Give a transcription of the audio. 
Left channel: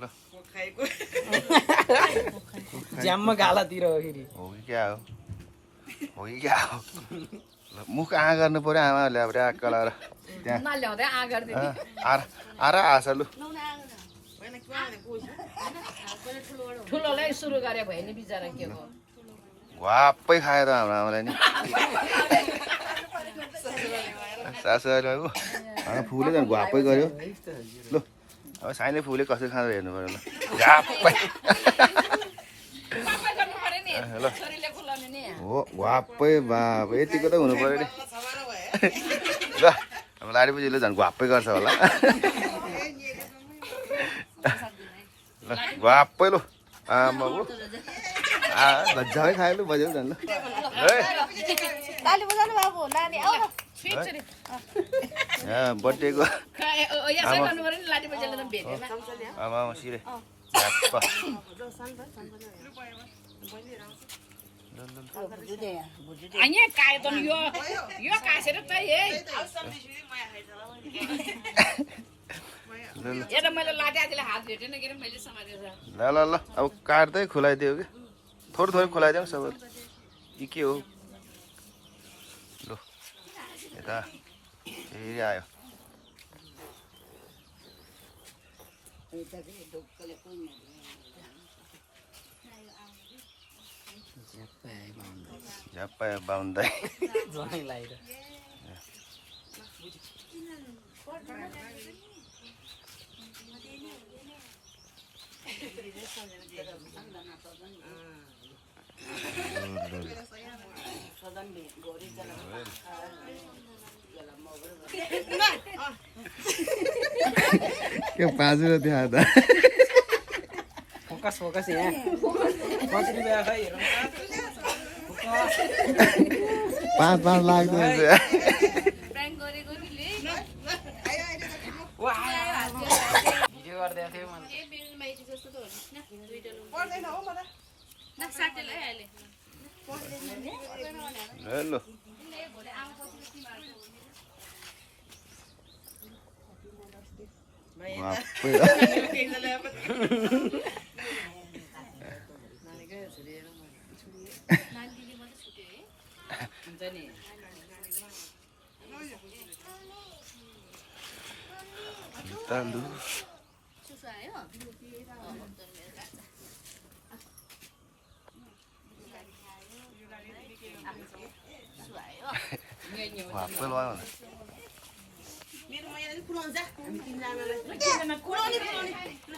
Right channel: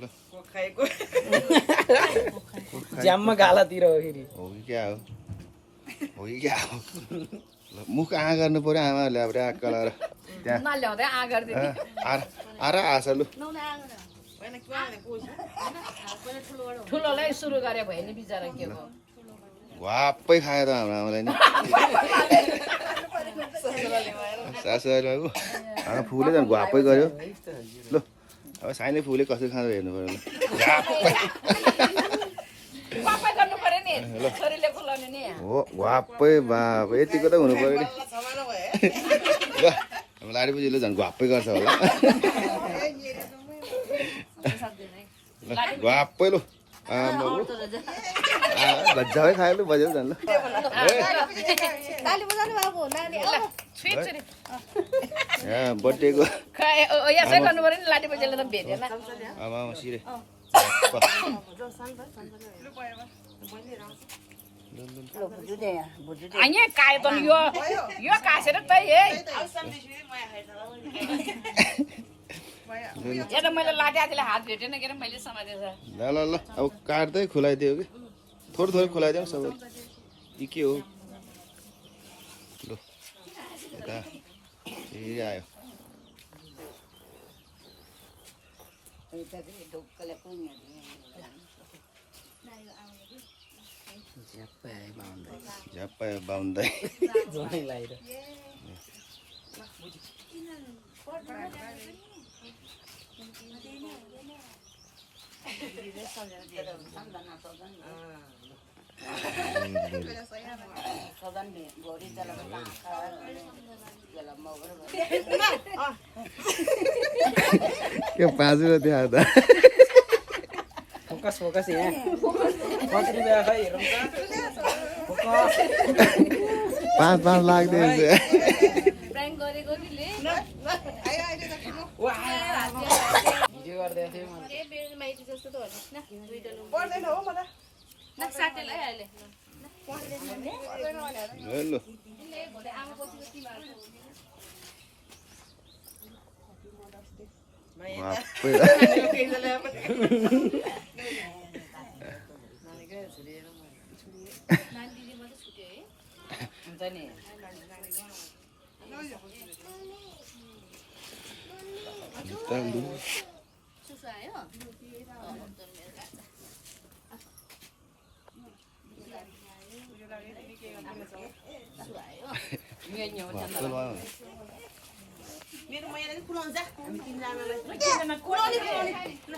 ल खाएको ज्याममा गालातिर हो फेरि हो कि क्या हो हो कि क्या हो ल मुख आ गर्नु पर्यो आमाहरूले अब ऱ्याक्क लगाएर त्यहाँ नल्याउँदै आ गरिदिने आरा आछ लु ठुलोलाई सुरु गरे भयो नि बिचरा के हो वाप्पै खायो त हाम्रो आमालाई नि सासूहरूले फुले झन् घुवाप्पै गऱ्यो लु अब साइले फुले कसरी खाँदो हेर्नु पर्यो ल घाप्पै पापा गर्नु पर्यो नि छोरीले खुलाउने नि हो घुवाप्पै बाप यतिको त हुनु पर्यो नि ल हाम्रो लाडीपुजीले झन् घुवाप्पै गर्छ होला ल घुवाप्पै लु आमा गज्जाकै खायो लु बज्यो झन् ल ताली बजाउनु बाबु नानी आऊ बर्थडेको यसै गर्नु पर्यो नि लाठी बजेले त भेटेन आमा सिरे यहाँ कायो त यो कासेर त है यहाँ त मैले लाटे आदिले हात भेटेन के मैले समातेछ ल ल ल अब काट्दै खुलाइदियो कि थोरै थोरै खुलाइदियो सबै यी के हो लु यता फेरि आयो झ्याप्पै बाउन्दै ज्वाइँ लाएर के पाँचमा त्यहाँ त फोकस फोकस यहाँ कति रुपियाँ खै हेरौँ त फोकस 5 लाग्दै हुन्छ प्राङ्क गरेको नि ले भिडियो गर्दै थियो मैले ए बेल माइती जस्तो त होला न दुईटा लु पर्दैन हो मलाई न साथीलाई अहिले ल भोलि आमा पछिको तिमीहरुको नानी दिदी मात्रै छुट्यो है हुन्छ नि सुसु आयो मेरो मायाले खुलाउँछ हामी 3 जनालाई